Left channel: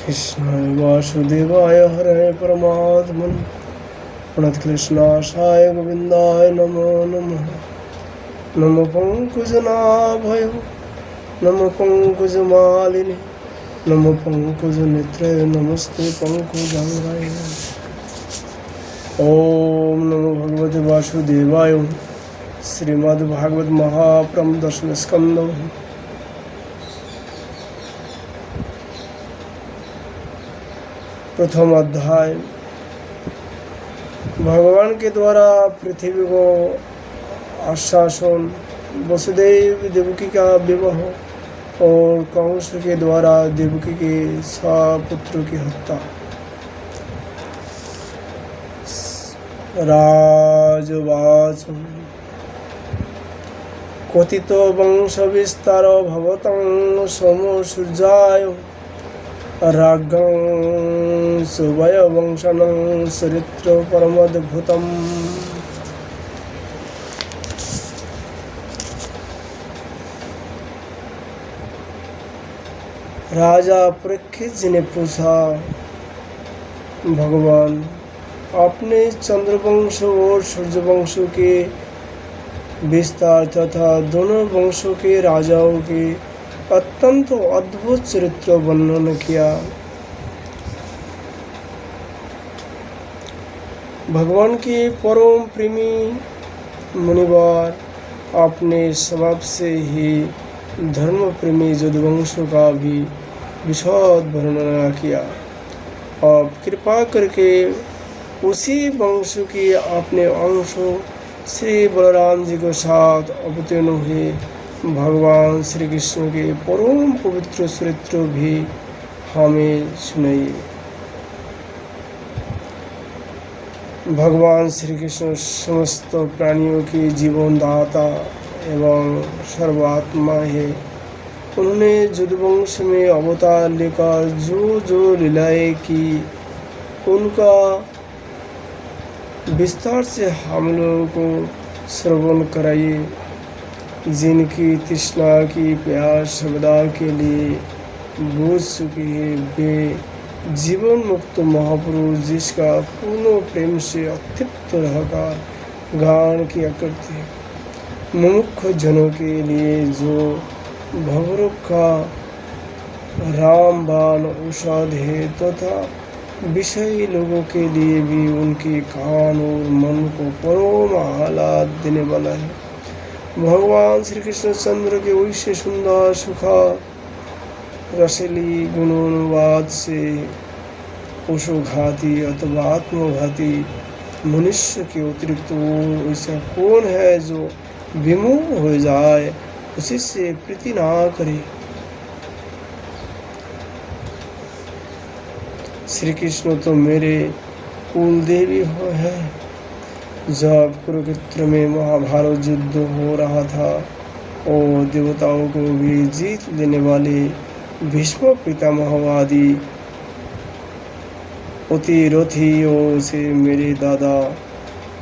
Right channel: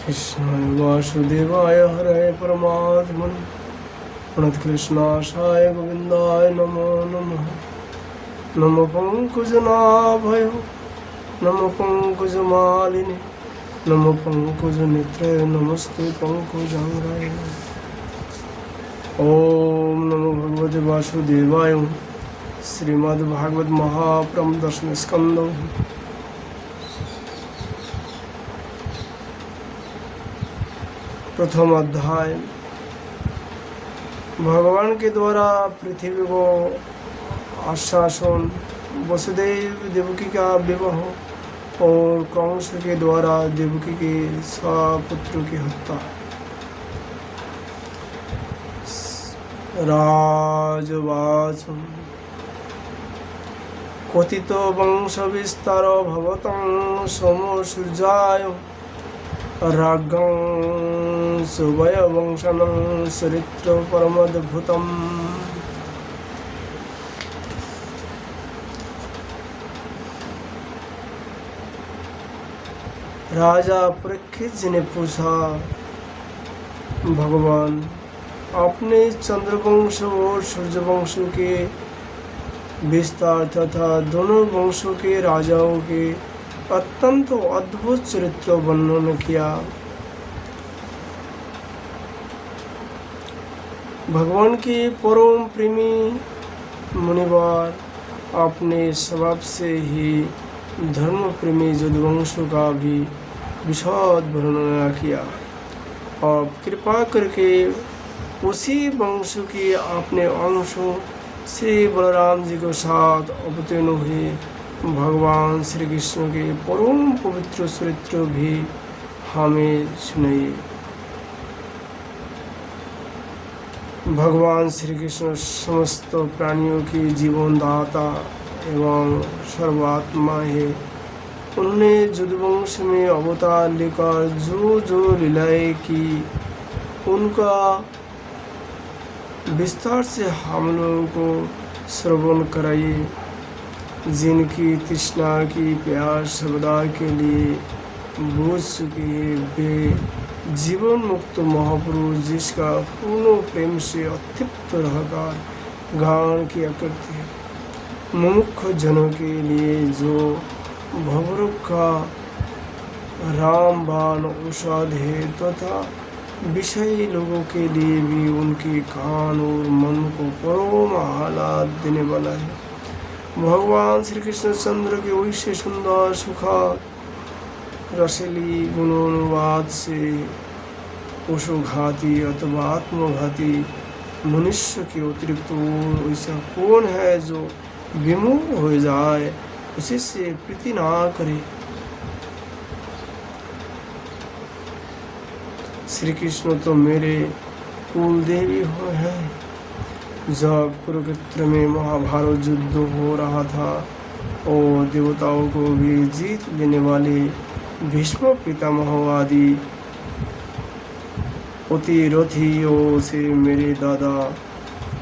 कृष्णाय वासुदेवाय हरये परमात्मने प्रणतकृष्णाशाय गोविन्दाय नमो नमः। नमो पङ्कजनाभय नमो पङ्कजमालिने नमो पङ्कजनेत्रे नमस्ते पङ्कजाङ्गाय। ओम नमो भगवते वासुदेवाय। श्रीमद्भागवत महापुराण दशम स्कंद। प्रथम अध्याय। भगवान के द्वारा पृथ्वी को आश्वासन, वसुदेव देवकी का विवाह और कंस के द्वारा देवकी के सपुत्र की हत्या। राजवाच कथितो वंश विस्तार भवतं सोमो सूर्याय राज्ञं सुभय वंशनं चरित्र परमद्भुतम्। राजा परीक्षित जी ने पूछा, भगवान आपने चंद्रवंश और सूर्यवंश के विस्तार तथा दोनों वंशों के राजाओं के अत्यंत अद्भुत चरित्र वर्णन किया। भगवान के परम प्रेमी मुनिवर अपने स्वभाव से ही धर्म प्रेमी यदुवंशों का भी विशद वर्णन किया। अब कृपा करके उसी वंश के अपने अंशों श्री बलराम जी के साथ अवतीर्ण हुए भगवान श्री कृष्ण के परम पवित्र चरित्र भी हमें सुनाइए। भगवान श्री कृष्ण समस्त प्राणियों के जीवनदाता एवं सर्वात्मा है। उन्होंने यदुवंश में अवतार लेकर जो लीलाएं की, उनका विस्तार से हम लोगों को श्रवण कराइए। जिनकी तृष्णा की प्यास सदा के लिए बुझ चुके हैं, वे जीवन मुक्त महापुरुष जिसका पूर्ण प्रेम से अतृप्त रहकर गान किया करते हैं। मुमुक्ष जनों के लिए जो भवरोग का रामबाण औषध है तथा विषयी लोगों के लिए भी उनके कान और मन को परम आह्लाद देने वाला है। भगवान श्री कृष्ण चंद्र के वैसे सुंदर सुखद रसीली गुणानुवाद से पशुघाती अथवा आत्मघाती मनुष्य के अतिरिक्त और ऐसा कौन है जो विमुख हो जाए, उसी से प्रीति ना करे। श्री कृष्ण तो मेरे कुल देवी हैं। जब कुरुक्षेत्र में महाभारत युद्ध हो रहा था और देवताओं को भी जीत लेने वाले भीष्म पितामहवादी अतिरथियों से मेरे दादा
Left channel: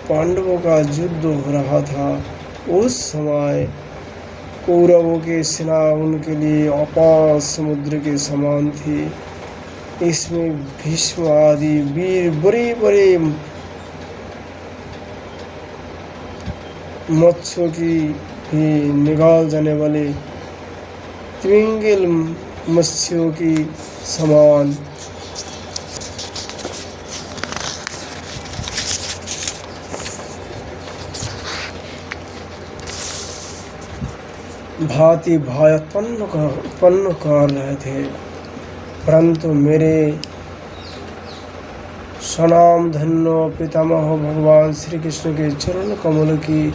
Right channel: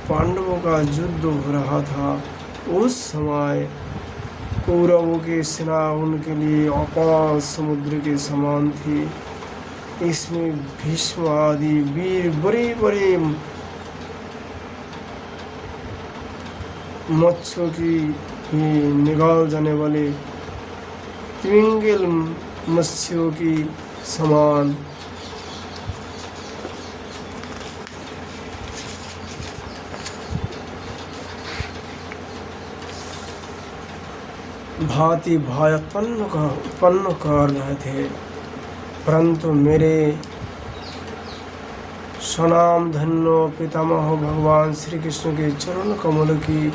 पांडवों का युद्ध हो रहा था, उस समय कौरवों की सेना उनके लिए अपार समुद्र के समान थी। इसमें भीष्म आदि वीर बड़े बड़े मत्स्यों की ही निकाल जाने वाले तिमिंगल मत्स्यों की समान भांति भय उत्पन्न कर रहे थे। परंतु मेरे सनाम धन्य पितामह भगवान श्री कृष्ण के चरण कमल की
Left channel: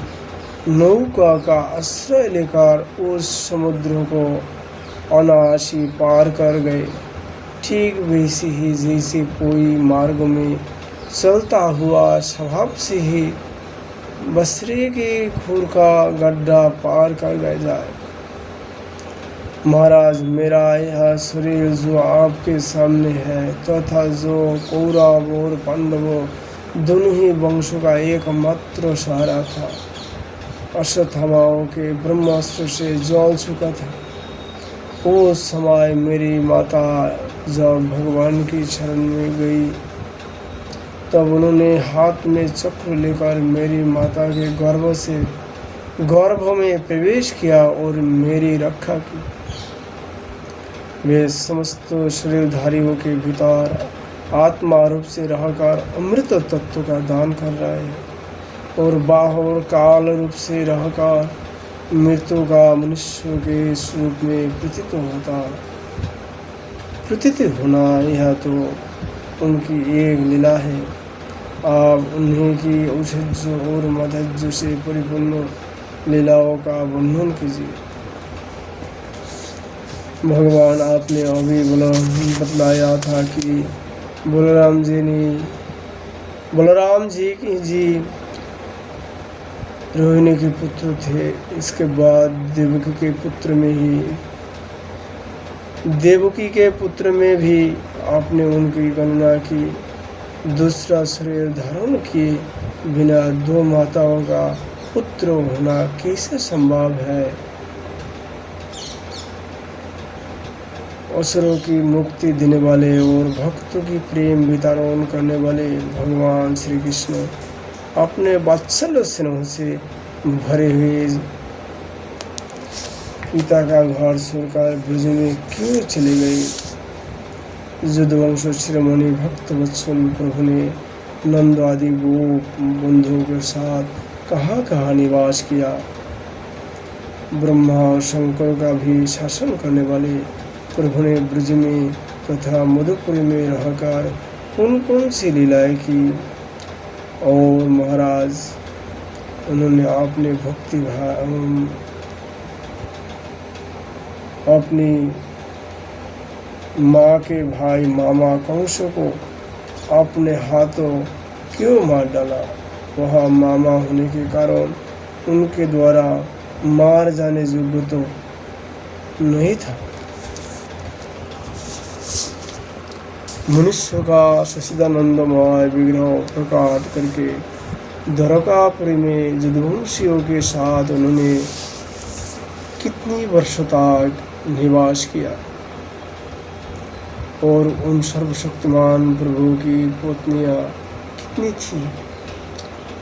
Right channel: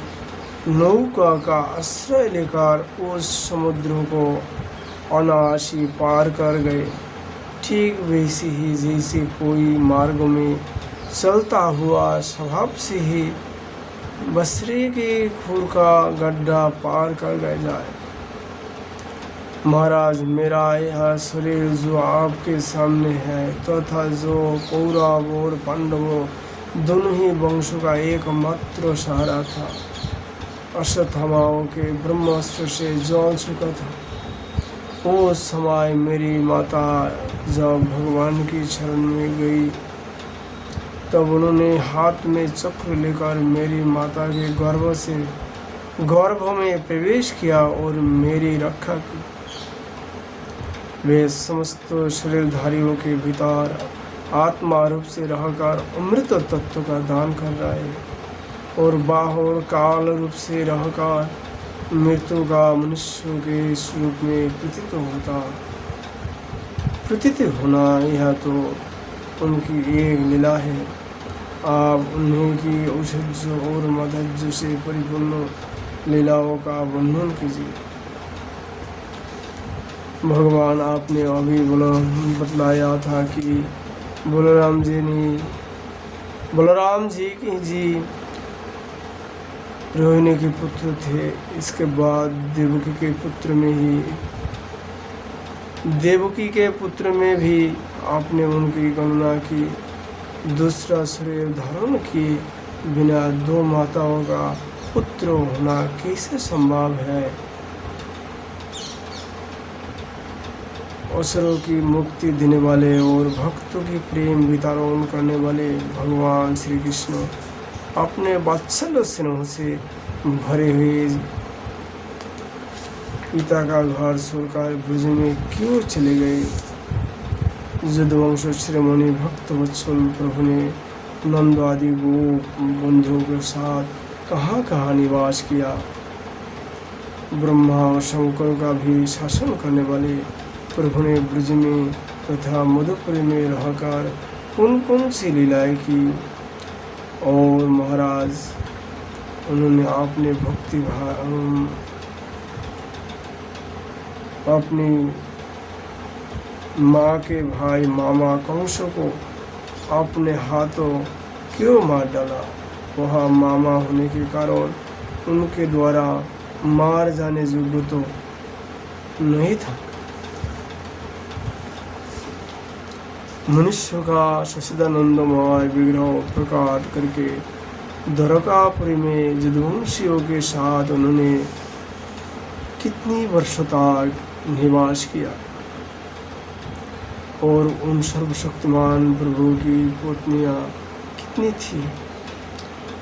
नौका का आश्रय लेकर उस समुद्र को अनायासी पार कर गए। ठीक वैसे ही जैसे कोई मार्ग में चलता हुआ स्वभाव से ही बसरे के खूर का गड्ढा पार कर गए जाए। महाराज, मेरा यह शरीर जो आपके सामने है तथा जो कौरव और पांडवों दोनों ही वंशों का एकमात्र सहारा था, अश्वत्थामाओं के ब्रह्मास्त्र से जल चुका था। उस समय मेरी माता जब भगवान की शरण में गई तब उन्होंने हाथ में चक्र लेकर मेरी माता के गर्भ में प्रवेश किया और मेरी रक्षा की। वे समस्त शरीरधारियों के भीतर आत्मा रूप से रहकर अमृत तत्व का दान कर रहा है और बाहर काल रूप से रहकर मृत्यु का मनुष्य के स्वरूप में प्रतीत होना, यह तो उनकी एक लीला है। आप उन्हीं की औषध और मधुज से परिपूर्ण लीलाओं का वर्णन कीजिए। भगवान, आपने अभी बतलाया था कि बलराम जी रोहिणी के पुत्र थे। इसके बाद देवकी के पुत्र में भी आपने उनकी गणना की। दूसरा शरीर धारण किए बिना दो माताओं का पुत्र होना कैसे संभव है? असुरों की मुक्ति देने वाले और भक्तों की प्रेम वितरण करने वाले भगवान श्री कृष्ण अपने वात्सल्य स्नेह से भरे हुए पिता का घर छोड़कर ब्रज में क्यों चले गए? यदुवंश शिरोमणि भक्त वत्सल प्रभु ने नंद आदि गोप बंधुओं के साथ कहाँ निवास किया? ब्रह्मा और शंकर का भी शासन करने वाले प्रभु ने ब्रज में तथा मधुपुर में रहकर कौन सी लीलाएं की? और महाराज, उन्होंने अपनी माँ के भाई मामा कंस को अपने हाथों क्यों मार डाला? वह मामा होने के कारण उनके द्वारा मार जाने योग्य तो नहीं था। मनुष्य का सच्चिदानंदमय विग्रह प्रकट करके द्वारकापुरी में यदुवंशियों के साथ उन्होंने कितनी वर्षों तक निवास किया और उन सर्वशक्तिमान प्रभु की पत्नियां कितनी थी?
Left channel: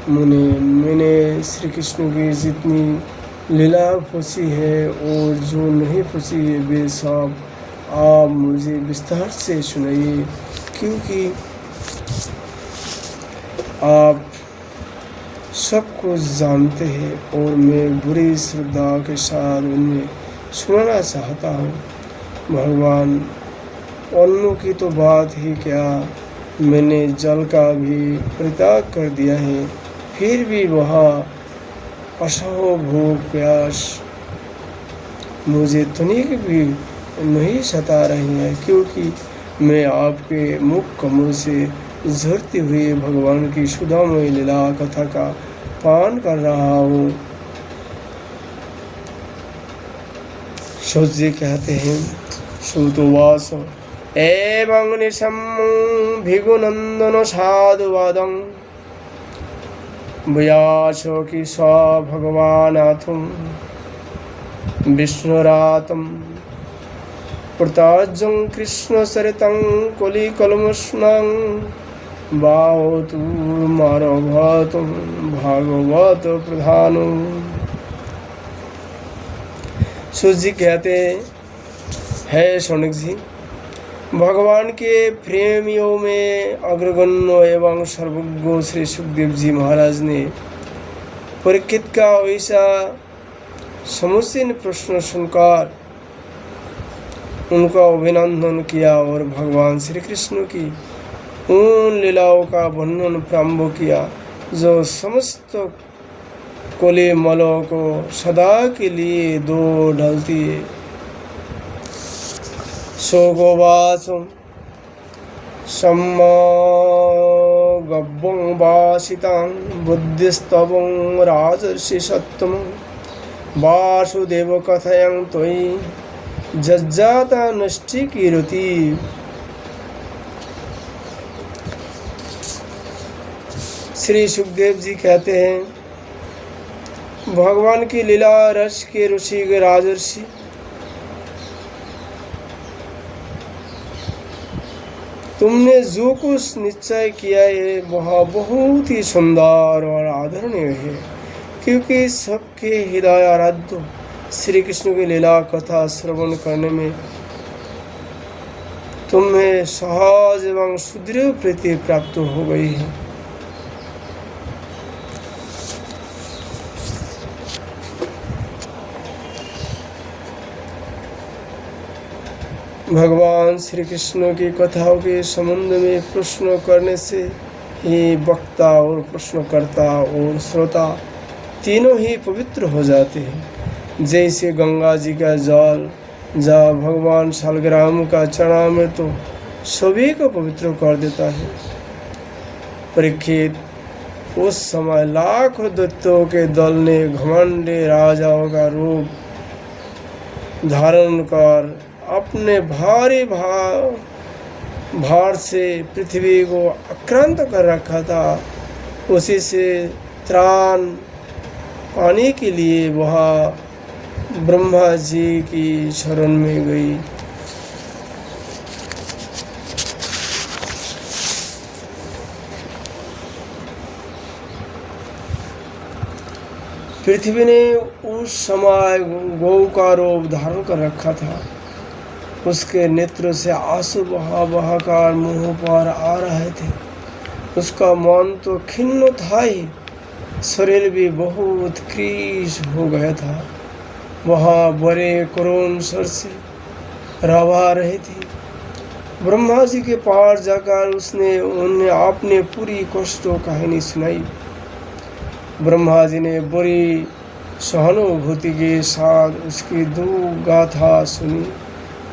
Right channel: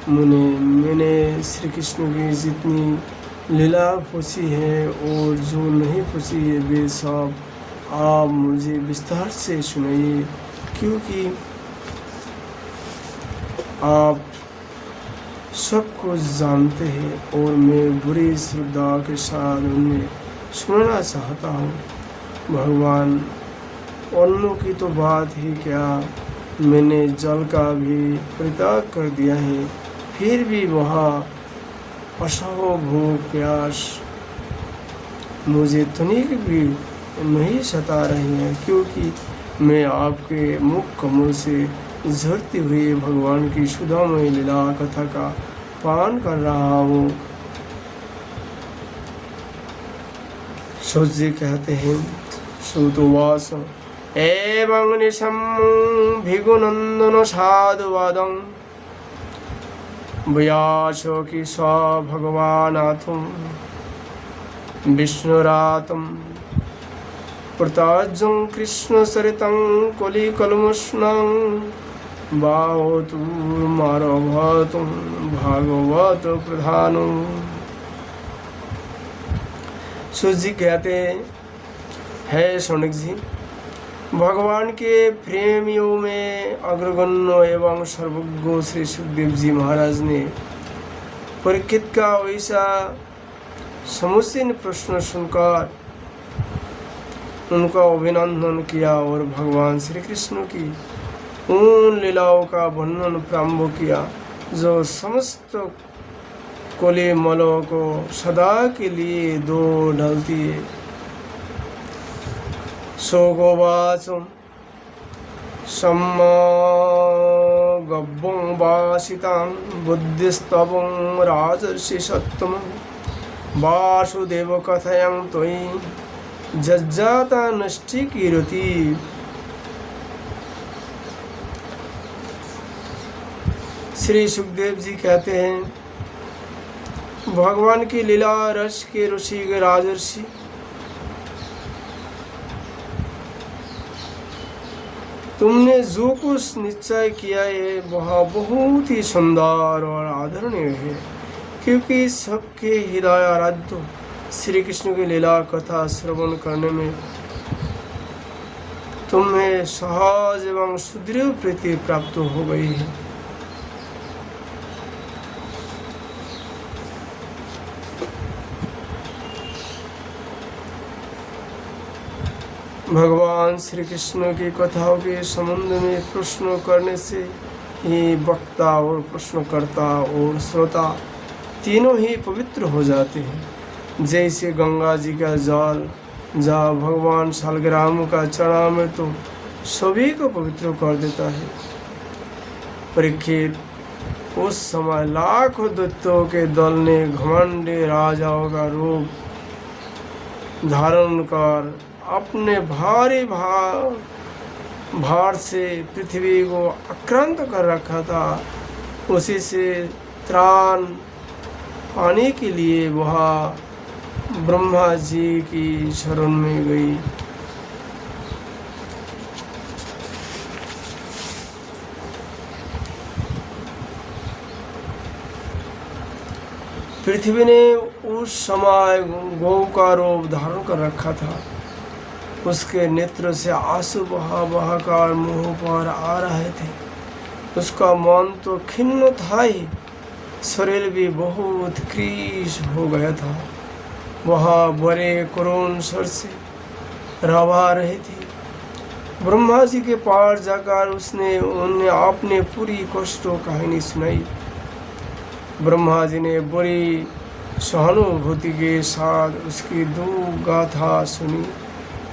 मैंने श्री कृष्ण की जितनी लीला पूछी है और जो नहीं पूछी है वे सब आप मुझे विस्तार से सुनाइए, क्योंकि आप सब कुछ जानते हैं और मैं बुरी श्रद्धा के साथ उन्हें सुनाना चाहता हूँ। भगवान, अन्नों की तो बात ही क्या, मैंने जल का भी परित्याग कर दिया है, फिर भी वहाँ असह भूख प्यास मुझे तनिक भी नहीं सता रही है, क्योंकि मैं आपके मुख कमल से झरती हुई भगवान की सुधामयी लीला कथा का पान कर रहा हूँ। सूर्य कहते हैं, श्रुतवास एवं निशम भिगुनंदन साधुवादं व्यासो की स भगवानाथम विष्णुरातम प्रताजं कृष्ण सरितं कुली कलमस्नं बावतु मारभतु भागवत प्रधानो। सूर्य कहते हैं, शौनक जी, भगवान के प्रेमियों में अग्रगण्य एवं सर्वज्ञ श्री सुखदेव जी महाराज ने परीक्षित का वैसा समुचीन प्रश्न सुनकर उनका अभिनंदन किया और भगवान श्री कृष्ण की उन लीलाओं का वर्णन प्रारंभ किया जो समस्त कोली मलों को सदा के लिए दो ढलती है। सोगोवाचम सम्मा गब्बं वासितां बुद्धिस्तवं राजर्षि सत्तम वासुदेव कथयं त्वयि जज्जाता नष्टि कीर्ति। श्री सुखदेव जी कहते हैं, भगवान की लीला रस के ऋषि राजर्षि तुमने जो कुछ निश्चय किया है वह बहुत ही सुंदर और आदरणीय है, क्योंकि सबके हृदय आराध्य श्री कृष्ण की लीला कथा श्रवण करने में तुम्हें सहज एवं सुदृढ़ प्रीति प्राप्त हो गई है। भगवान श्री कृष्ण की कथाओं के संबंध में प्रश्न करने से ही वक्ता और प्रश्नकर्ता और श्रोता तीनों ही पवित्र हो जाते हैं। जैसे गंगा जी का जल जहाँ भगवान शालग्राम का चढ़ाव तो सभी को पवित्र कर देता है। परीक्षित, उस समय लाखों दैत्यों के दल ने घमंडी राजाओं का रूप धारण कर अपने भारी भार से पृथ्वी को आक्रांत कर रखा था। उसी से त्राण पाने के लिए वह ब्रह्मा जी की शरण में गई। पृथ्वी ने उस समय गौ का रूप धारण कर रखा था। उसके नेत्र से आंसू बहाकर मुंह पर आ रहे थे। उसका मन तो खिन्न था ही, शरीर भी बहुत क्रीश हो गया था। वहाँ बड़े करुण स्वर से रवा रहे थे। ब्रह्मा जी के पास जाकर उसने उन्हें अपने पूरी कष्टों कहानी सुनाई। ब्रह्मा जी ने बड़ी सहानुभूति के साथ उसकी दुख गाथा सुनी।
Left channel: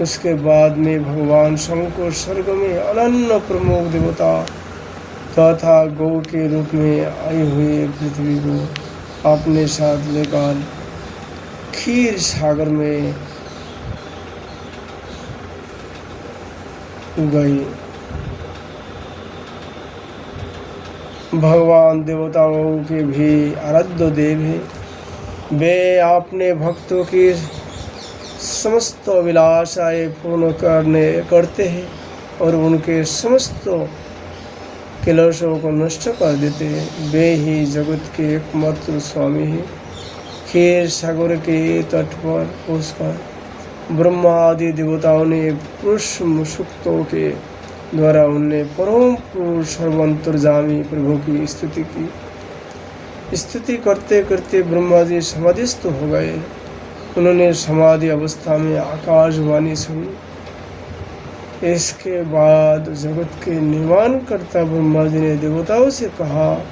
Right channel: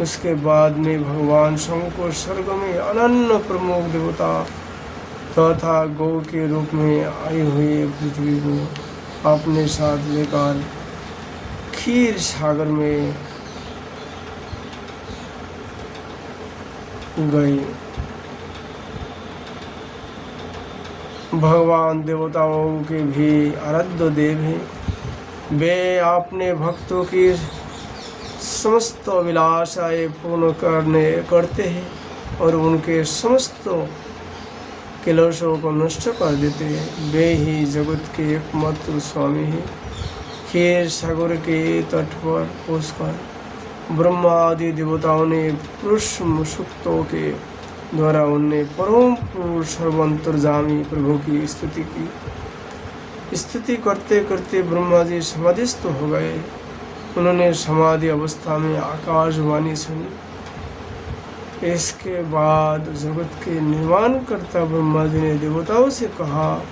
उसके बाद में भगवान शंकर स्वर्ग में अनन्य प्रमुख देवता तथा गौ के रूप में आई हुई पृथ्वी को अपने साथ लेकर क्षीर सागर में गई। भगवान देवताओं के भी आराध्य देव हैं। वे अपने भक्तों की समस्त अभिलाषाएं पूर्ण करते हैं और उनके समस्त क्लेशों को नष्ट कर देते हैं। वे ही जगत के एकमात्र स्वामी हैं। क्षीर सागर के तट पर पहुंचकर ब्रह्मा आदि देवताओं ने पुरुष सूक्तों के द्वारा उन्हें परम पुरुष सर्वांतर्यामी प्रभु की स्तुति की। स्तुति करते करते ब्रह्मा जी समाधिस्थ हो गए। उन्होंने समाधि अवस्था में आकाशवाणी सुनी। इसके बाद जगत के निर्माण करता ब्रह्मा जी ने देवताओं से कहा,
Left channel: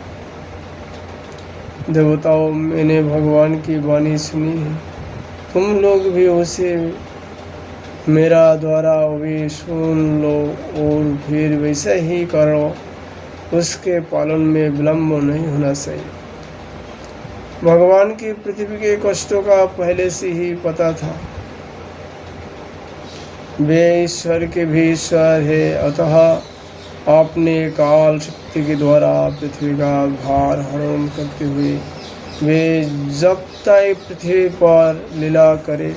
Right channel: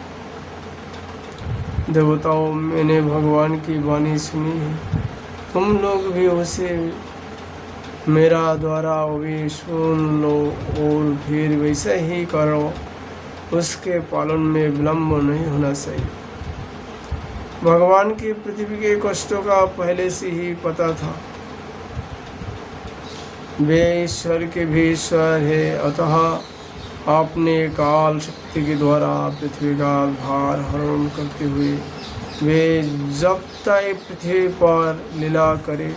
देवताओं, मैंने भगवान की वाणी सुनी है। तुम लोग भी उसे मेरा द्वारा भी सुन लो और फिर वैसा ही करो। उसके पालन में विलम्ब नहीं होना चाहिए। भगवान की पृथ्वी के कष्टों का पहले से ही पता था। वे ईश्वर के भी ईश्वर है, अतः अपने काल शक्ति के द्वारा पृथ्वी का भार हरण करते हुए वे जब तक पृथ्वी पर लीला करे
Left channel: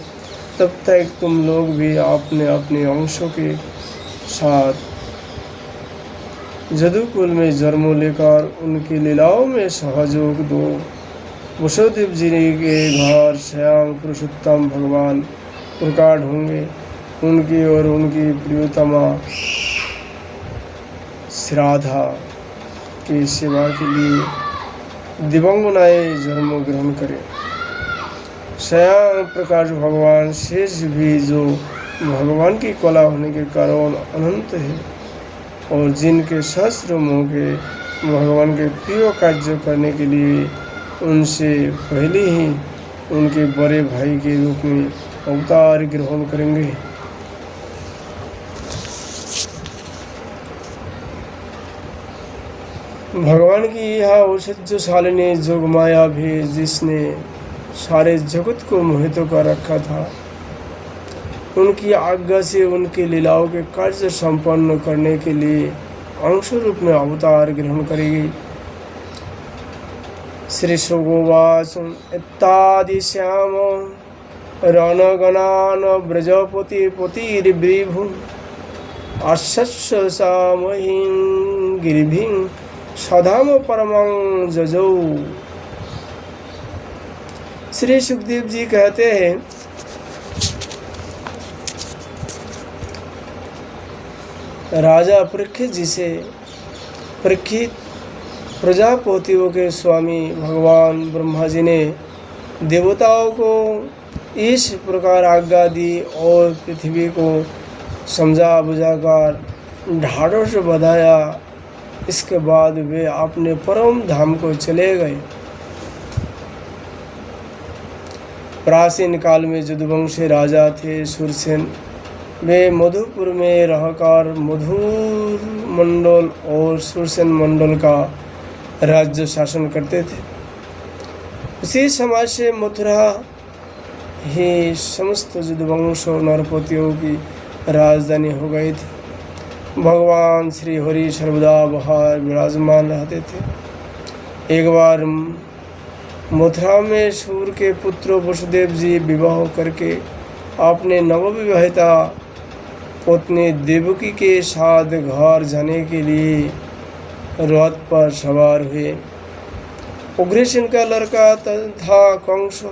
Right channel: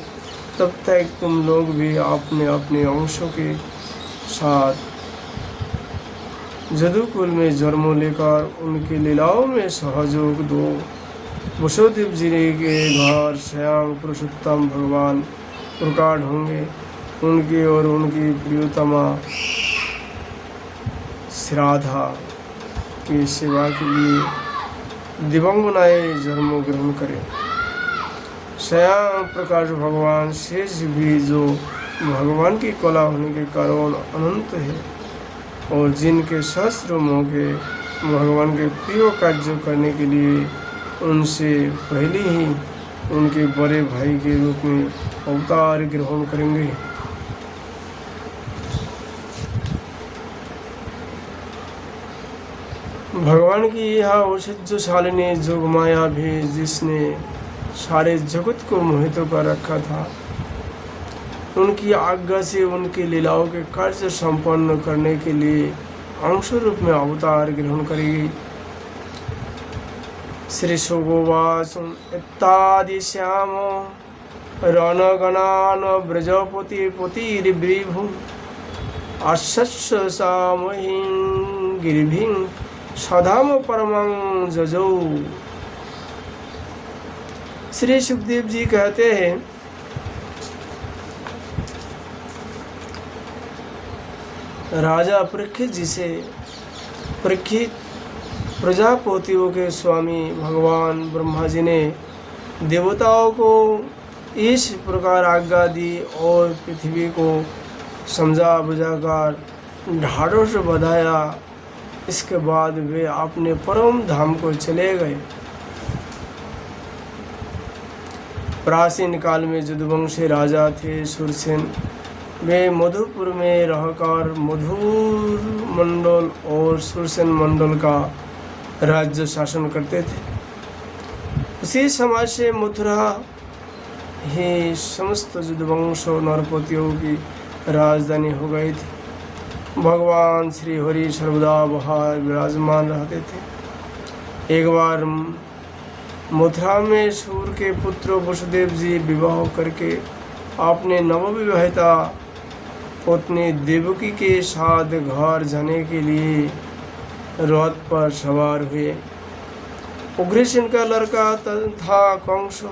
तब तक तुम लोग भी अपने अपने अंशों के साथ जदुकुल में जन्म लेकर उनकी लीलाओं में सहयोग दो। वसुदेव जी के घर स्वयं पुरुषोत्तम भगवान प्रकट होंगे। उनकी और उनकी प्रियतमा श्राद्धा की सेवा के लिए दिवंगनाएं जन्म ग्रहण करें। स्वयं प्रकाश भगवान शेष भी जो भगवान की कला होने के कारण अनंत है और जिनके सहस्रों मौके भगवान के प्रिय कार्य करने के लिए उनसे पहले ही उनके बड़े भाई के रूप में अवतार ग्रहण करेंगे। भगवान की यह औषधशालिनी जोग माया भी जिसने सारे जगत को मोहित कर रखा था, उनकी आज्ञा से उनकी लीलाओं के कार्य संपन्न करने के लिए अंश रूप में अवतार ग्रहण करेगी। श्री सुगोवाच इत्यादि श्याम रणगणान ब्रजपति पतिर्विभु आशस्य सामहीन गिरिभिं सधाम परमं जजौ। श्री सुखदेव जी कहते हैं, राजा परीक्षित जी से परीक्षित प्रजापतियों के स्वामी भगवान ब्रह्मा जी ने देवताओं को इस प्रकार आज्ञा दी और पृथ्वी को समझा बुझाकर ढाढ़स बधाया। इसके बाद वे अपने परम धाम को चले गए। प्राचीन काल में यदुवंशी राजा थे सुरसेन। वे मधुपुर में रहकर मधुर मंडल और सुरसेन मंडल का राज्य शासन करते थे। उसी समय से मथुरा ही समस्त यदुवंश नरपतियों की राजधानी हो गई थी। भगवान श्री हरि सर्वदा बाहर विराजमान रहते थे। एक बार मथुरा में सूर्य के पुत्र वसुदेव जी विवाह करके अपने नवविवाहिता पत्नी देवकी के साथ घर जाने के लिए रथ पर सवार हुए। उग्रसेन का लड़का था कंस।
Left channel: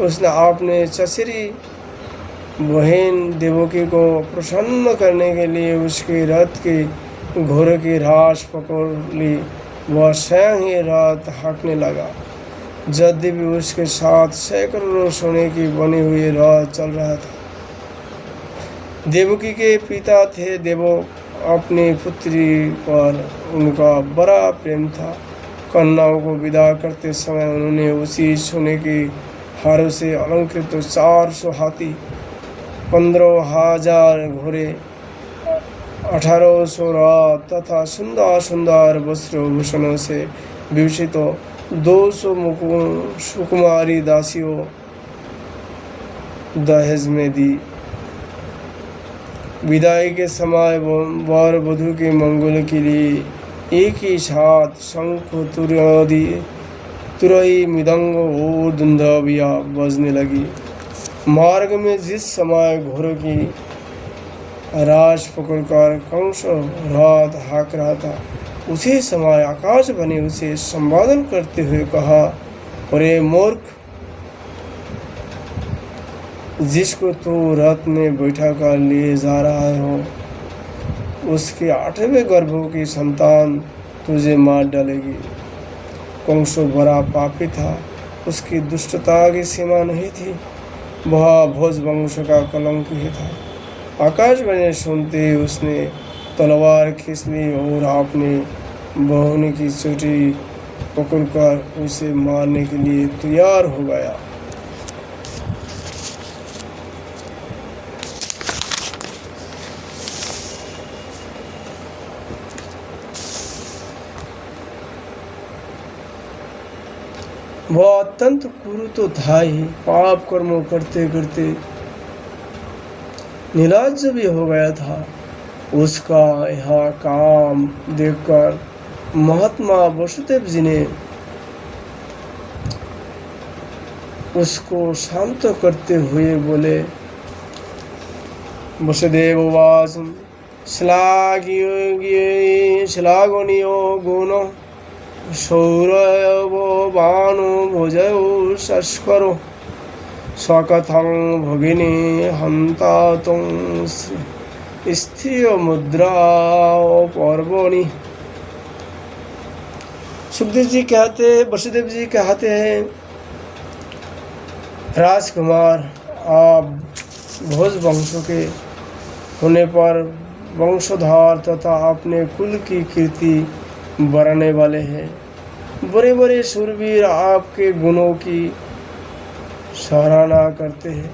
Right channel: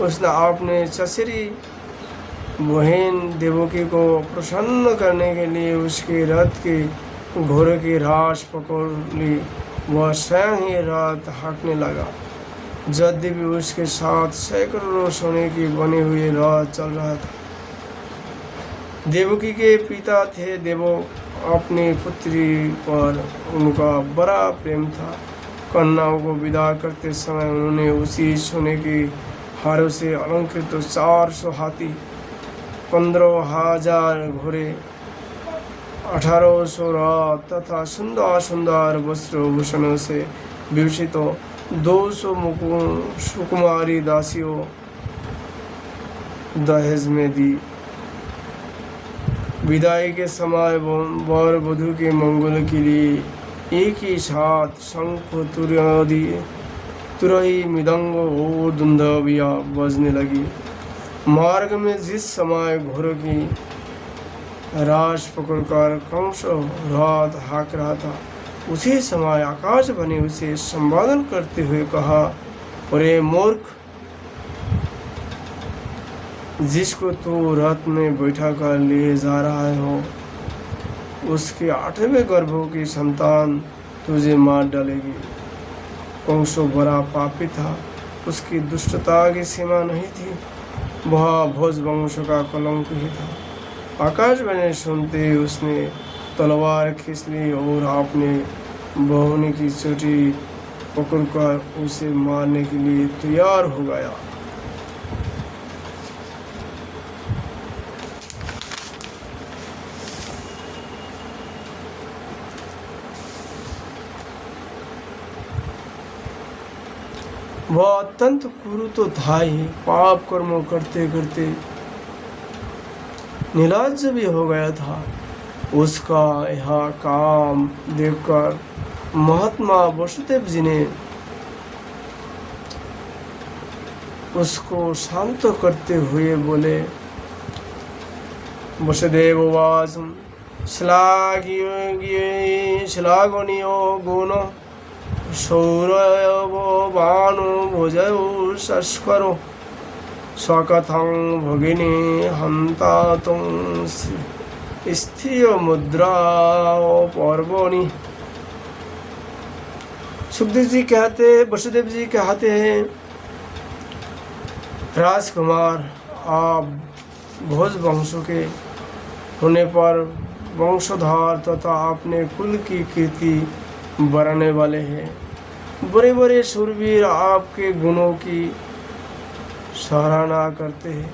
उसने अपने चचेरी बहन देवकी को प्रसन्न करने के लिए उसके रथ के घोड़े की राश पकड़ ली। वह स्वयं ही रथ हाँकने लगा। यद्यपि उसके साथ सैकड़ों सोने की बनी हुई रथ चल रहा था। देवकी के पिता थे देवक। अपनी पुत्री पर उनका बड़ा प्रेम था। कन्याओं को विदा करते समय उन्होंने उसी सोने के हारों से अलंकृत 400 हाथी, 15,000 घोड़े, 1800 रथ तथा सुंदर सुंदर वस्त्र भूषणों से विभूषित 200 सुकुमारी दासियों दहेज में दी। विदाई के समय वर वधू के मंगल के लिए एक ही साथ शंख, तुरही, मृदंग और दुंदुभियां बजने लगी। मार्ग में जिस समय घोड़ों की राश पकड़कर कंस रथ हाँक रहा था, उसी समय आकाशवाणी उसे संबोधन करते हुए कहा, अरे मूर्ख, जिसको तू रथ में बैठा कर लिए जा रहा हो, उसके 8वें गर्भों की संतान तुझे मार डालेगी। कंस बड़ा पापी था। उसकी दुष्टता की सीमा नहीं थी। वह भोज वंश का कलंक ही था। आकाशवाणी सुनते ही उसने तलवार खींच ली और अपने बहुनी की चोटी पकड़कर उसे मारने के लिए तैयार हो गया। वह अत्यंत क्रूर तो था ही, पाप कर्मों करते करते निर्लज्ज भी हो गया था। उसका यह काम देखकर महात्मा वसुदेव जी ने उसको शांत करते हुए बोले, वसुदेव उवाच श्लाघनीयो गुणो शौर्यवो भानु भुजयो शस्करो सकथं भगिनी हन्तातुं स्त्रिय मुद्रा पर्वणि। सुखदेव जी कहते हैं, वसुदेव जी कहते हैं, राजकुमार, आप भोज वंशों के होने पर वंशोद्धार तथा अपने कुल की कीर्ति बढ़ाने वाले हैं। बड़े बड़े शूरवीर आपके गुणों की सराहना करते हैं।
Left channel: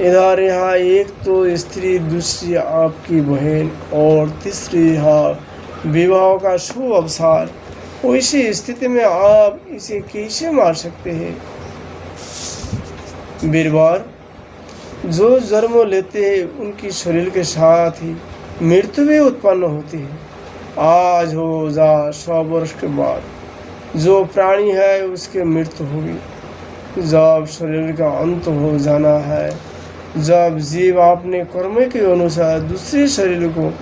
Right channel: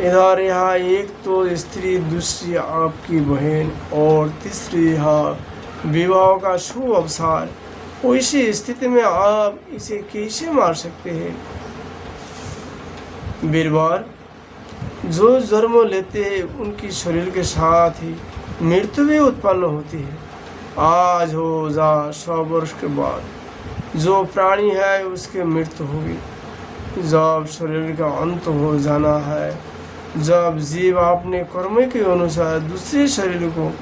इधर यहाँ एक तो स्त्री, दूसरी आपकी बहन और तीसरी यहाँ विवाह का शुभ अवसर। वैसी स्थिति में आप इसे कैसे मार सकते हैं? वीरवर, जो जन्म लेते हैं उनकी शरीर के साथ ही मृत्यु भी उत्पन्न होती है। आज हो जा 100 वर्ष के बाद जो प्राणी है उसकी मृत्यु होगी। जब शरीर का अंत हो जाना है जब जीव अपने कर्म के अनुसार दूसरे शरीर को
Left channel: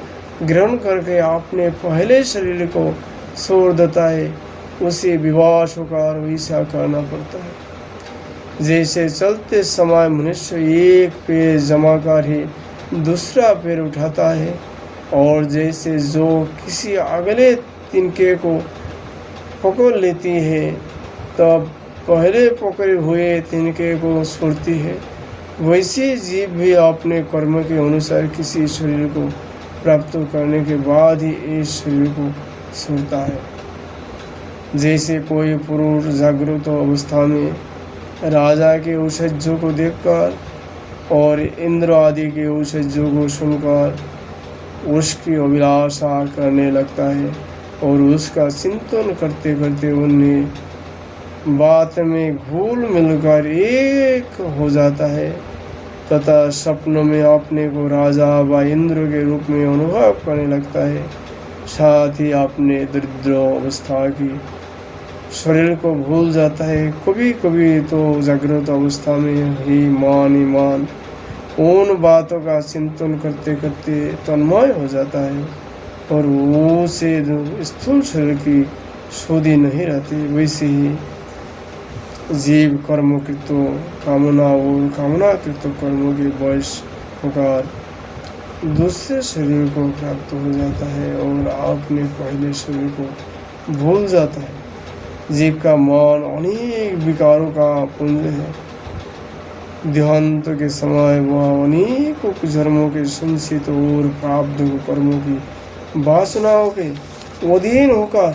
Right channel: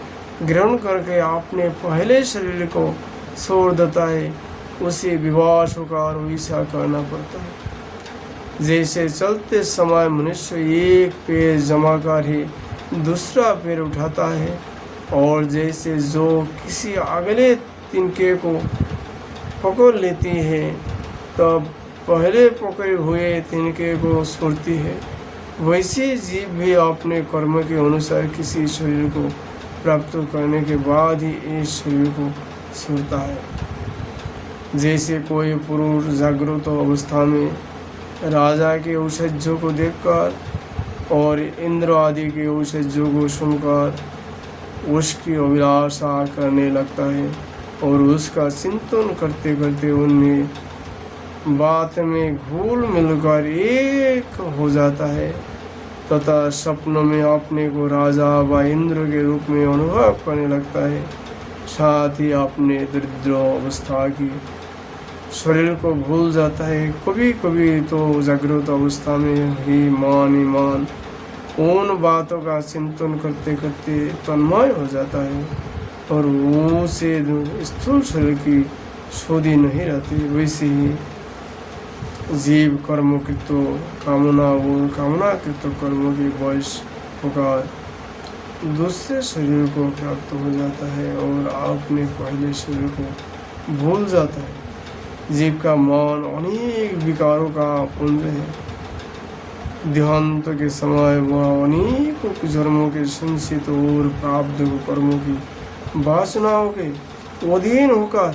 ग्रहण करके अपने पहले शरीर को छोड़ देता है, उसे विवाह होकर वैसा करना पड़ता है। जैसे चलते समय मनुष्य एक पैर जमा कर ही दूसरा पैर उठाता है, और जैसे जो किसी अगले तिनके को पकड़ लेती है तब पहले पकड़े हुए तिनके को छोड़ती है, वैसे जीव भी अपने कर्म के अनुसार किसी शरीर को प्राप्त करने के बाद ही इस शरीर को छोड़ता है। जैसे कोई पुरुष जागृत अवस्था में राजा के औषधियों को देखकर और इंद्र आदि के औषधियों को सुनकर उसकी अभिलाषा करने लगता है और उसका चिंतन करते करते उन्हें बात में घुल मिलकर एक हो जाता है, तथा स्वप्न में अपने को राजा व इंद्र के रूप में अनुभव करने लगता है। साथ ही अपने दरिद्र अवस्था की शरीर को भूल जाता है। कभी कभी तो जागृत अवस्था में ही मान उन बातों का चिंतन करते करते तन्मय हो जाता है और वो से स्थूल शरीर की शोधी नहीं रहती। वैसे ही जीव कर्म कृत कामना और कामना कृत कर्मों के वश होकर दूसरे शरीर को प्राप्त हो जाता है और अपने पहले शरीर को भूल जाता है। जीव का मन अनेक विकारों का पुंज है। देहांत के समय वह अनेकों जन्मों के संचित और प्राप्त कर्मों की वासनाओं के अधीन होकर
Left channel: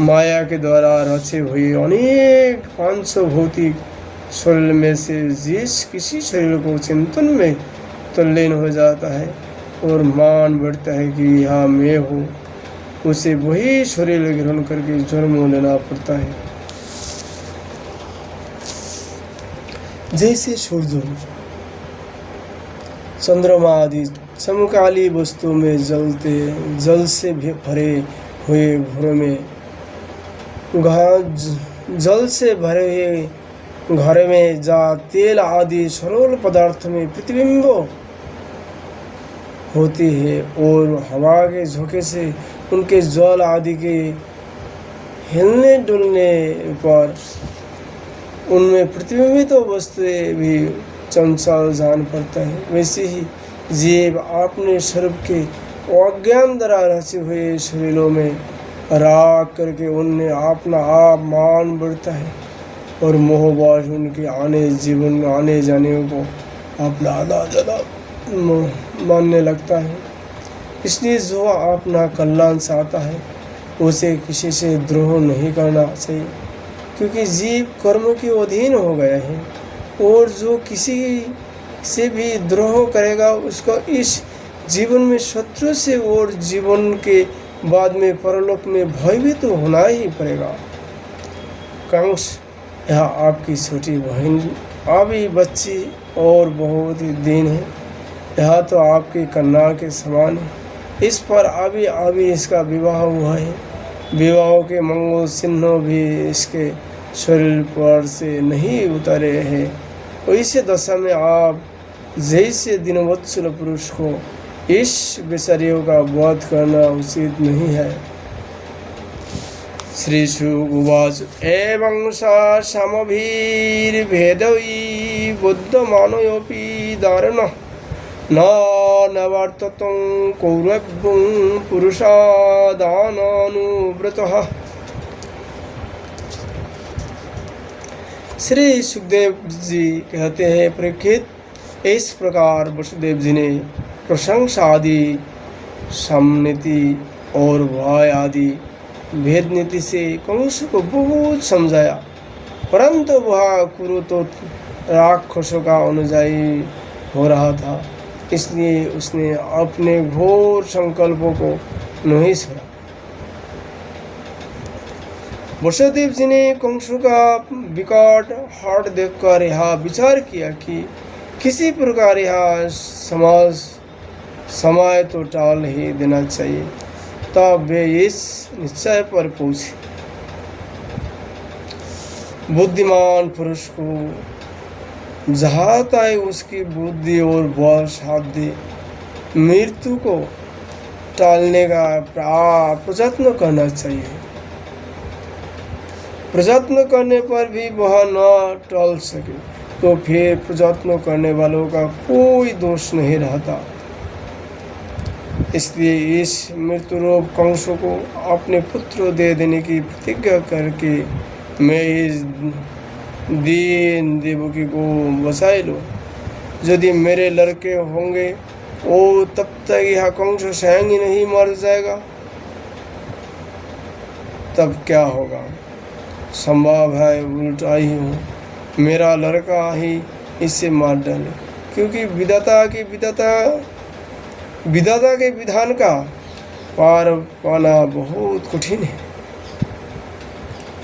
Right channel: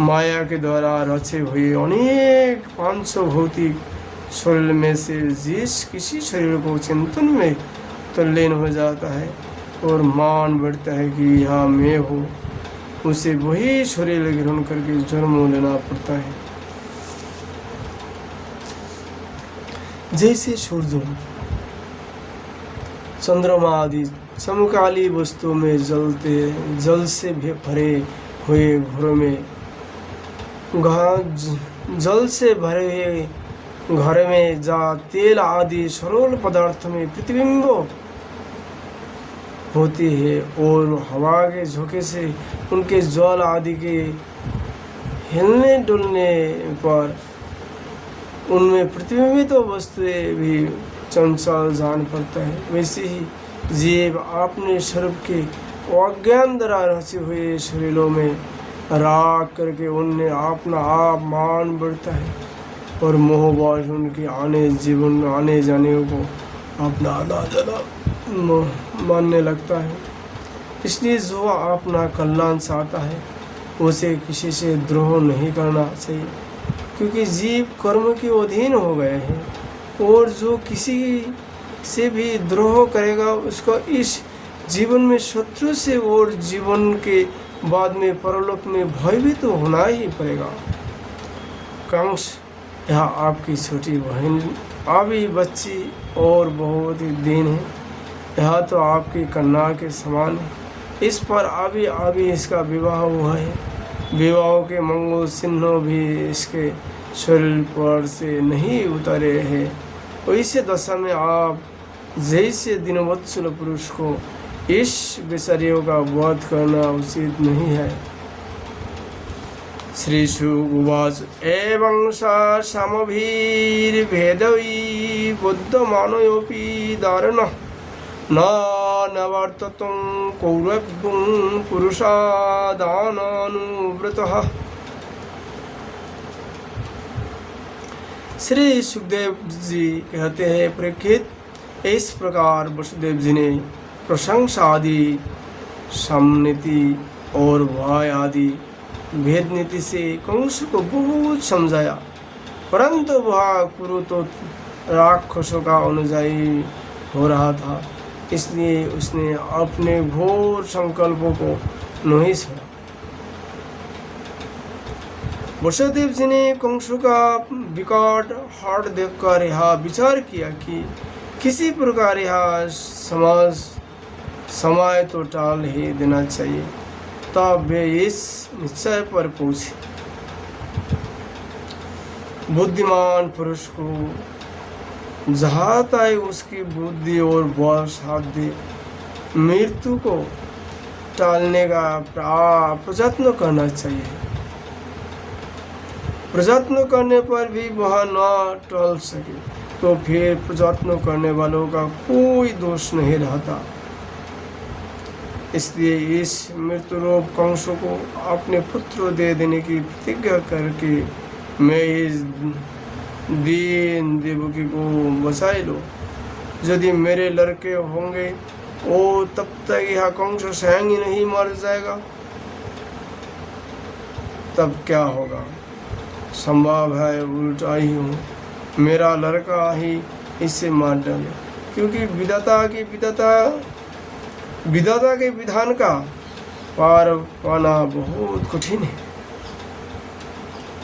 माया के द्वारा रचे हुए अनेक 500 भौतिक शरीर में से जिस किसी शरीर को चिंतन में तल्लीन हो जाता है और मान बढ़ता है कि यह मैं हूँ, उसे वही शरीर ग्रहण करके जन्म लेना पड़ता है। जैसे सूर्य, चंद्रमा आदि समकाली वस्तु में जल से भी भरे हुए घरों में जल से भरे हुए घर में जहाँ तेल आदि सरल पदार्थ में प्रतिबिंब होती है और हवा के झोंके से उनके जल आदि के हिलने डुलने पर उनमें प्रतिबिंबित वस्तुएं भी चंचल जान पड़ता है। वैसे ही जीव अपने सर्व के अज्ञान द्वारा रचे हुए शरीरों में राग करके उनमें अपना आप मान बढ़ता है और मोहवश उनके आने जाने को अपना आना जाना मानने लगता है। इसलिए जो अपना कल्याण चाहता है उसे किसी से द्रोह नहीं करना चाहिए, क्योंकि जीव कर्म के अधीन हो गया है और जो किसी से भी द्रोह करेगा उसका इस जीवन में शत्रु से और जीवन के बाद में परलोक में भयभीत तो होना ही पड़ेगा। कंस, यह आपकी छोटी बहन अभी बच्ची और बहुत ही दीन है, यह तो आपके कन्या के समान है। इस पर अभी इसका विवाह हुआ है। विवाह के मंगल चिन्ह भी इसके शरीर पर से नहीं उतरे हैं। वैसे दशा में आप जैसे दिनवत्सल पुरुष को इस विषयों का वध करना उचित नहीं है। श्री शुक उवाच एवं समभिर्भेदवी बुद्धमानयोऽपि दारुणः न नवर्ततं कौरवं पुरुषादानानुव्रतः। श्री सुखदेव जी कहते हैं, परीक्षित, इस प्रकार वसुदेव जी ने प्रशंसा आदि, समनीति और भय आदि भेद नीति से कंस को बहुत समझाया, परंतु वह कुरु तो राक्षसों का अनुयायी हो रहा था, इसलिए उसने अपने घोर संकल्पों को नहीं छोड़ा। वसुदेव जी ने कंस का विकट हाथ देखकर यह विचार किया कि किसी प्रकार यह समय तो टाल ही देना चाहिए। तब वे इस निश्चय पर पहुंचे, बुद्धिमान पुरुष को जहाँ तक उसकी बुद्धि और बल साथ दे मृत्यु को टालने का प्रयत्न करना चाहिए। प्रयत्न करने पर भी वह न टल सके तो फिर प्रयत्न करने वालों का कोई दोष नहीं रहता। इसलिए इस मृत्यु रूप कंस को अपने पुत्र दे देने की प्रतिज्ञा करके मैं इस दीन देवकी को बचा लूँ। यदि मेरे लड़के होंगे वो तब तक यह कंस स्वयं ही नहीं मर जाएगा, तब क्या होगा? संभव है उल्टा ही हो, मेरा लड़का ही इसे मार डाले, क्योंकि विधाता के विधान का पार पाना बहुत कठिन है।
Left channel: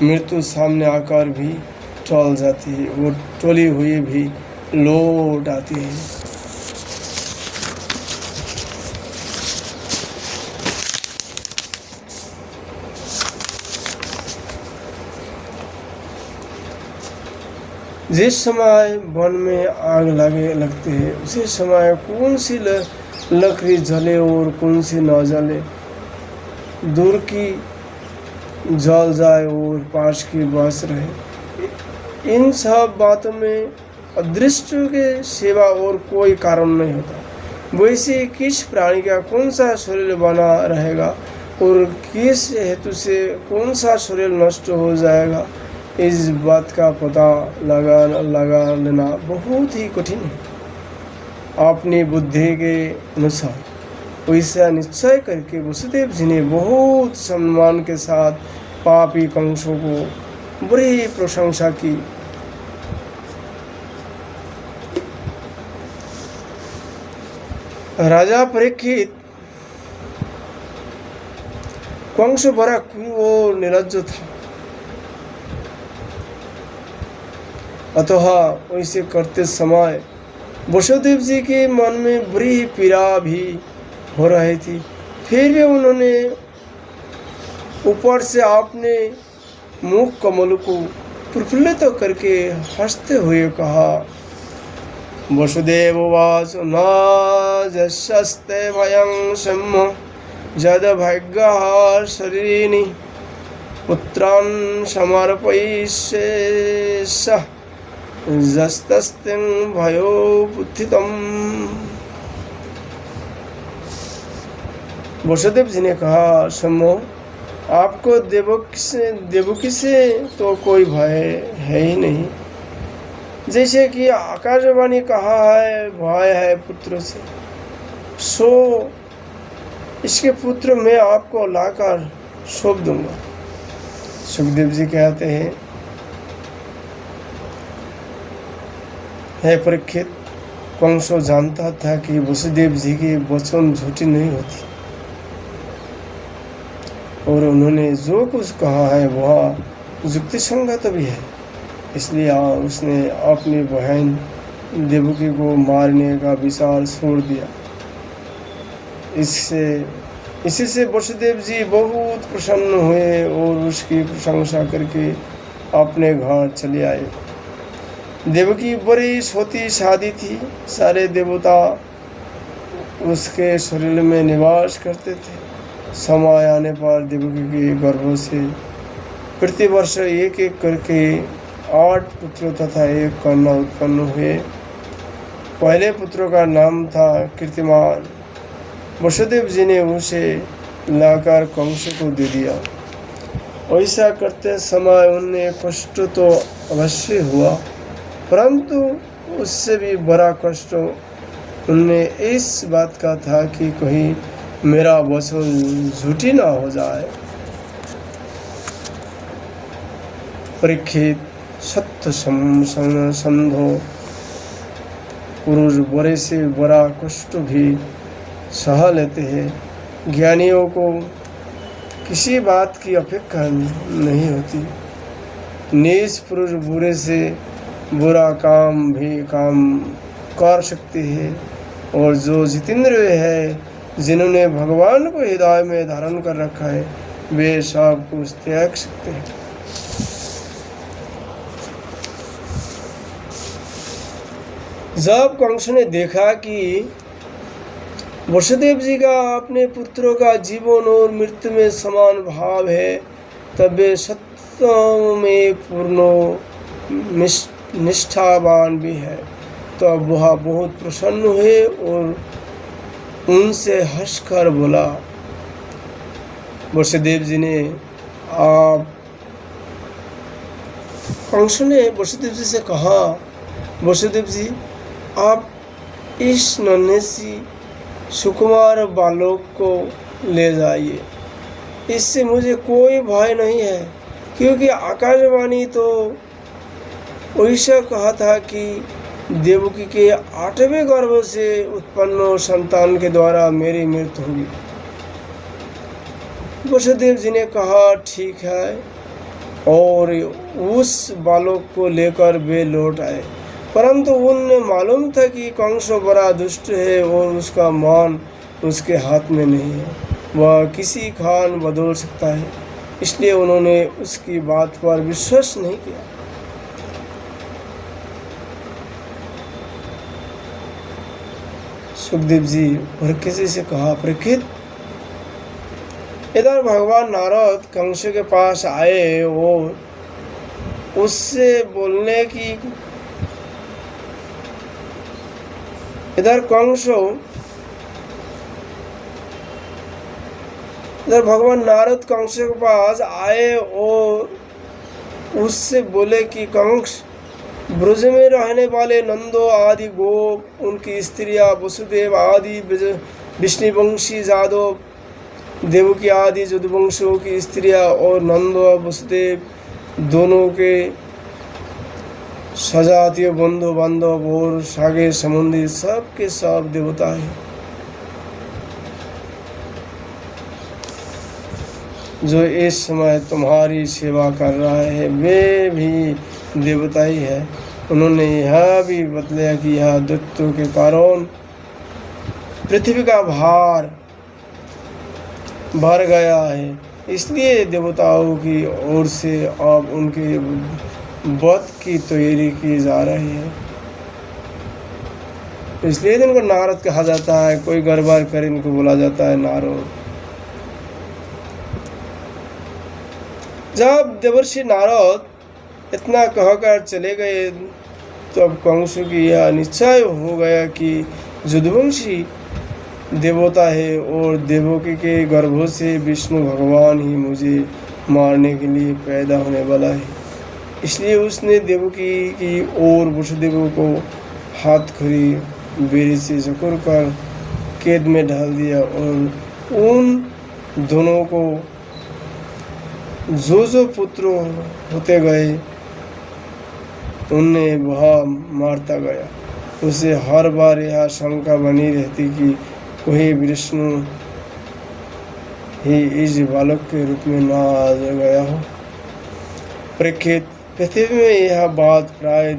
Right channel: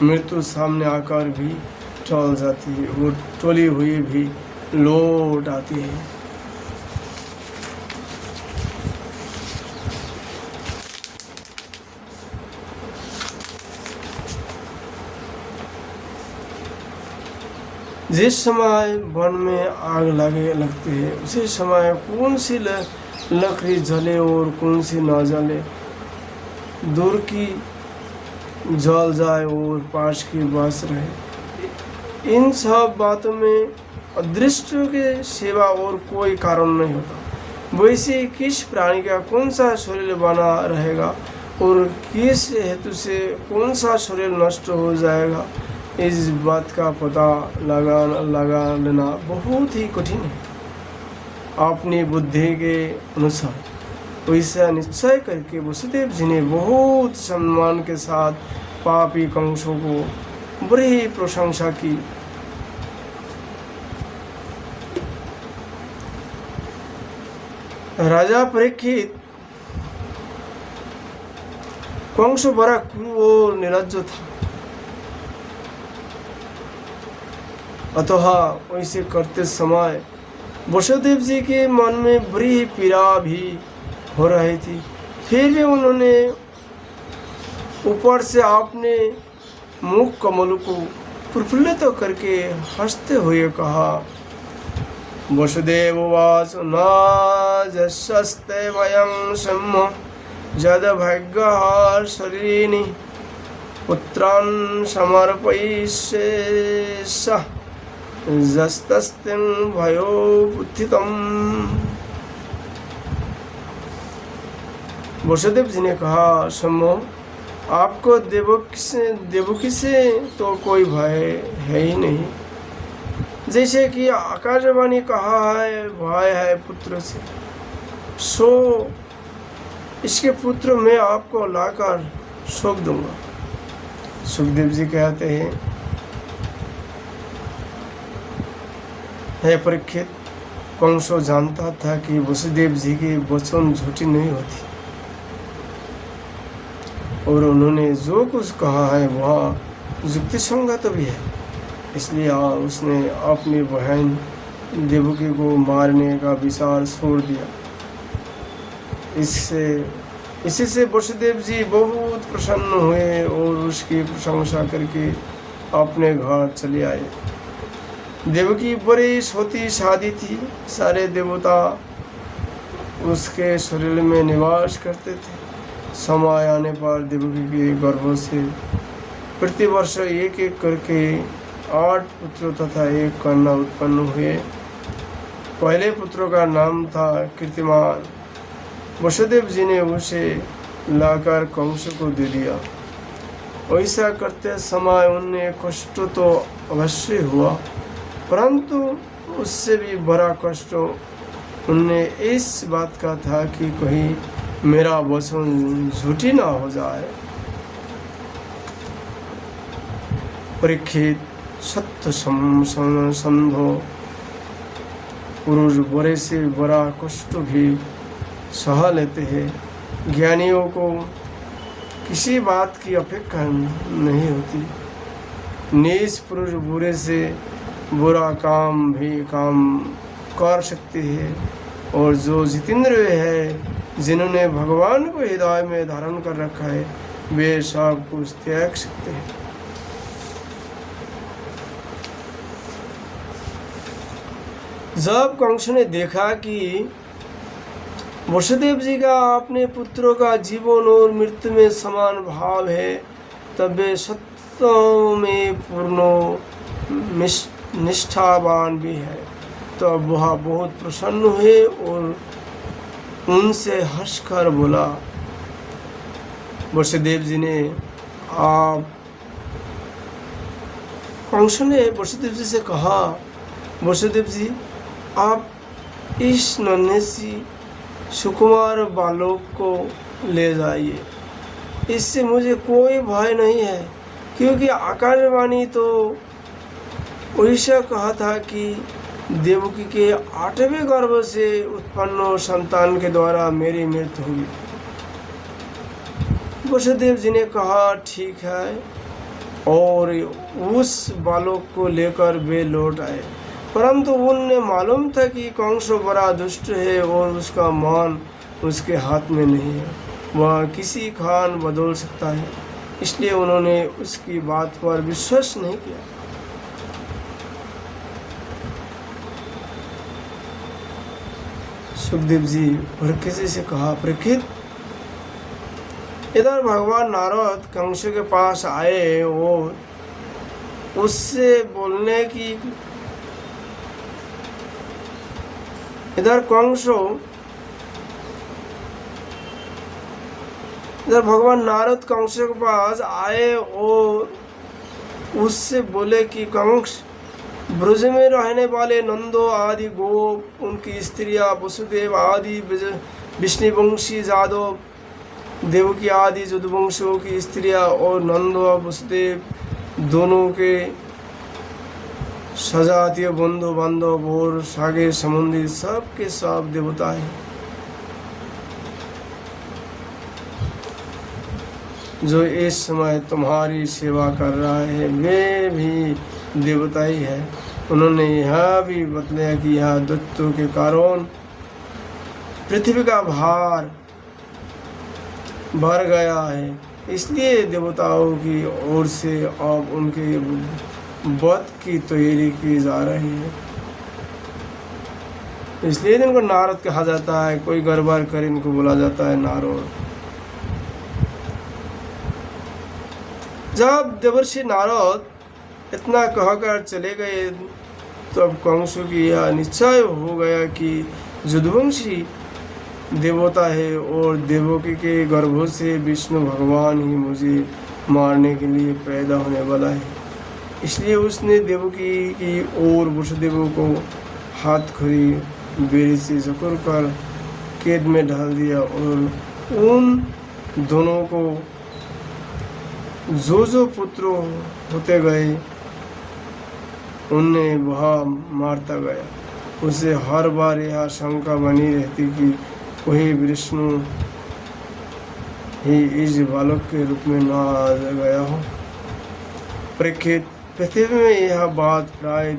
मृत्यु सामने आकर भी टल जाती है और टली हुई भी लौट आती है। जिस समय वन में आग लगती है उसी समय कौन सी लकड़ी जले और कौन सी न जले, दूर की जल जाए और पास की बस रहे, इन सब बातों में अदृश्य के सिवा और कोई कारण नहीं होता। वैसे किस प्राणी का कौन सा शरीर बना रहेगा और किस हेतु से कौन सा शरीर नष्ट हो जाएगा, इस बात का पता लगा लेना बहुत ही कठिन है। अपनी बुद्धि के अनुसार वैसा निश्चय करके वसुदेव जी ने बहुत सम्मान के साथ पापी कंसों को बड़ी प्रशंसा की। राजा परीक्षित, कंस बड़ा क्रूर और निर्लज्ज था, अतः वैसे करते समय वसुदेव जी के मन में बड़ी पीड़ा भी हो रही थी। फिर भी उन्होंने ऊपर से अपने मुख कमल को प्रफुल्लित करके हंसते हुए कहा, वसुदेव वास नस्ते वयं सम्म जद भाग्य शरीरिणी पुत्रान् समर्पयिष्ये जस्तस्तिं भयो बुद्धितम्। वसुदेव जी ने कहा, सम्मो, आपको देवकी से तो कोई भय है ही नहीं। जैसे कि आकाशवाणी कहा है भय है पुत्र से, सो इसके पुत्र मैं आपको लाकर सौंप दूंगा। सुखदेव जी कहते हैं, हे परीक्षित, कंसो जानता था कि वसुदेव जी के वचन झूठी नहीं होती और उन्होंने जो कुछ कहा है वह युक्ति संगत भी है। इसलिए उसने अपनी बहन देवकी को मारने का विचार छोड़ दिया। इसी से वसुदेव जी बहुत प्रसन्न हुए और उसकी प्रशंसा करके अपने घर चले आए। देवकी बड़ी सती शादी थी, सारे देवता उसके शरीर में निवास करते थे। समय आने पर देवकी के गर्भ से प्रतिवर्ष एक एक करके 8 पुत्र तथा 1 कन्या उत्पन्न हुए। पहले पुत्र का नाम था कीर्तिमान। वसुदेव जी ने उसे लाकर कंस को दे दिया। ऐसा करते समय उन्हें कष्ट तो अवश्य हुआ, परंतु उससे भी बड़ा कष्ट उन्हें इस बात का था कि कहीं मेरा वचन झूठी ना हो जाए। परीक्षित, सत्य संधो पुरुष बड़े से बड़ा कष्ट भी सह लेते हैं। ज्ञानियों को किसी बात की अपेक्षा नहीं होती। नीच पुरुष बुरे से बुरा काम भी काम कर सकते हैं और जो जितेंद्रिय है, जिन्होंने भगवान को हृदय में धारण कर रखा है, वे सब कुछ त्याग सकते हैं। जब कंस ने देखा कि वसुदेव जी का अपने पुत्रों का जीवन और मृत्यु में समान भाव है, तब वे सत्य में पूर्ण निष्ठावान भी है। तो अब वह बहुत प्रसन्न हुए और उनसे हंसकर बोला, वसुदेव जी ने आप कंस ने वसुदेव जी से कहा, वसुदेव जी आप इस नन्हे सी सुकुमार बालक को ले जाइए, इससे मुझे कोई भय नहीं है, क्योंकि आकाशवाणी तो ऐसा कहा था कि देवकी के 8वें गर्भ से उत्पन्न संतान के द्वारा मेरी मृत्यु होगी। वसुदेव जी ने कहा ठीक है, और उस बालक को लेकर वे लौट आए। परंतु उन्हें मालूम था कि कंस बड़ा दुष्ट है और उसका मान उसके हाथ में नहीं है, वह किसी खान बदल सकता है, इसलिए उन्होंने उसकी बात पर विश्वास नहीं किया। सुखदेव जी परीक्षित से कहा, परीक्षित इधर भगवान नारद कंस के पास आए और उससे बोलने की इधर भगवान नारद कंस के पास आए और उससे बोले कि कंस, ब्रज में रहने वाले नंदो आदि गोप, उनकी स्त्रियां वसुदेव आदि विष्णुवंशी जादव, देवकी आदि यदुवंशियों की स्त्रियां और नंदो और वसुदेव दोनों के सजातीय बंधु बांधव और सागे संबंधी सब के सब देवता हैं। जो इस समय तुम्हारी सेवा कर रहा है वे भी देवता ही है। उन्होंने यह भी बतलाया कि यह दैत्यों के कारण पृथ्वी का भार बढ़ गया है, इसलिए देवताओं की ओर से अब उनके वध की तैयारी की जा रही है। इसलिए इनको नारद कहा जाता है, कोई गड़बड़ कर इनको बोला जाता है नारद। जब देवर्षि नारद इतना कहकर चले गए तो अब कंस की यह निश्चय हो गया कि यदुवंशी देवता है और देवकी के गर्भ से विष्णु भगवान ही मुझे मारने के लिए पैदा होने वाला है। इसलिए उसने देवकी की ओर वसुदेव को हाथ खड़ी बेड़ी से जकड़ कर कैद में डाल दिया और उन दोनों को जो पुत्र होते गए उन्हें वह मारता गया। उसे हर बार यह शंका बनी रहती कि वही विष्णु ही इस बालक के रूप में न आ गया हो। परीक्षित, पृथ्वी में यह बात प्राय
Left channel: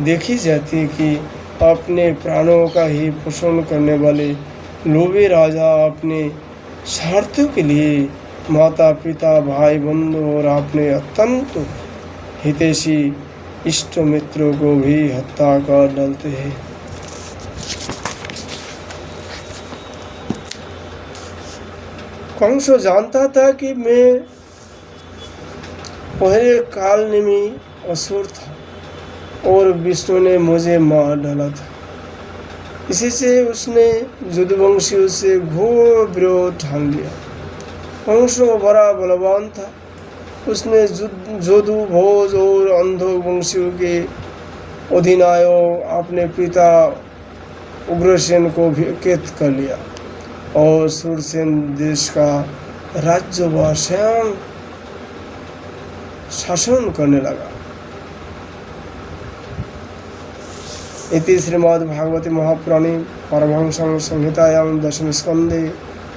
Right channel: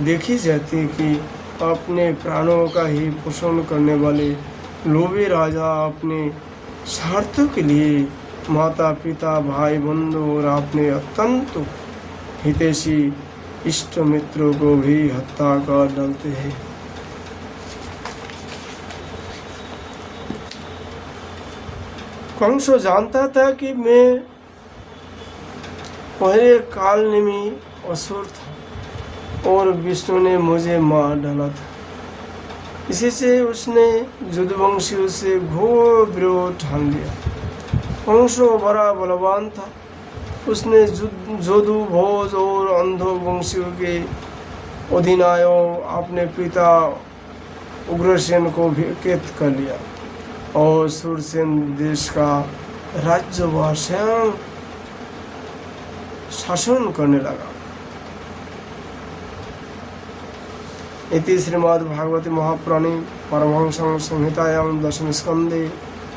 देखी जाती है कि अपने प्राणों का ही पोषण करने वाले लोभी राजा अपने स्वार्थों के लिए माता पिता भाई बंधु और अपने अत्यंत हितैषी इष्ट मित्रों को भी हत्या कर डालते हैं। कंस जानता था कि मैं पहले कालनेमी असुर था और विष्णु ने मुझे मार डाला था। इसी से उसने यदुवंशियों से घोर विरोध ठान लिया। कंस बड़ा बलवान था। उसने जोदु भोज और अंधो वंशियों के अधिनायक अपने पिता उग्रसेन को भी कैद कर लिया और सुरसेन देश का राज्य व स्वयं शासन करने लगा। इति श्रीमद्भागवते महापुराणे परमहंस संहितायां दशम स्कंदे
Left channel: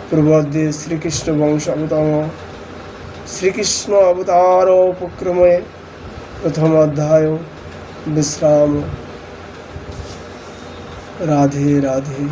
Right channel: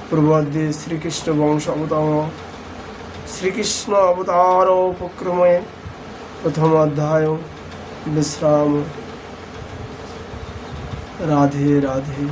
पूर्वार्धे श्रीकृष्ण वंश अवतार श्रीकृष्ण अवतारोपक्रमे प्रथम अध्याय विश्राम। राधे राधे।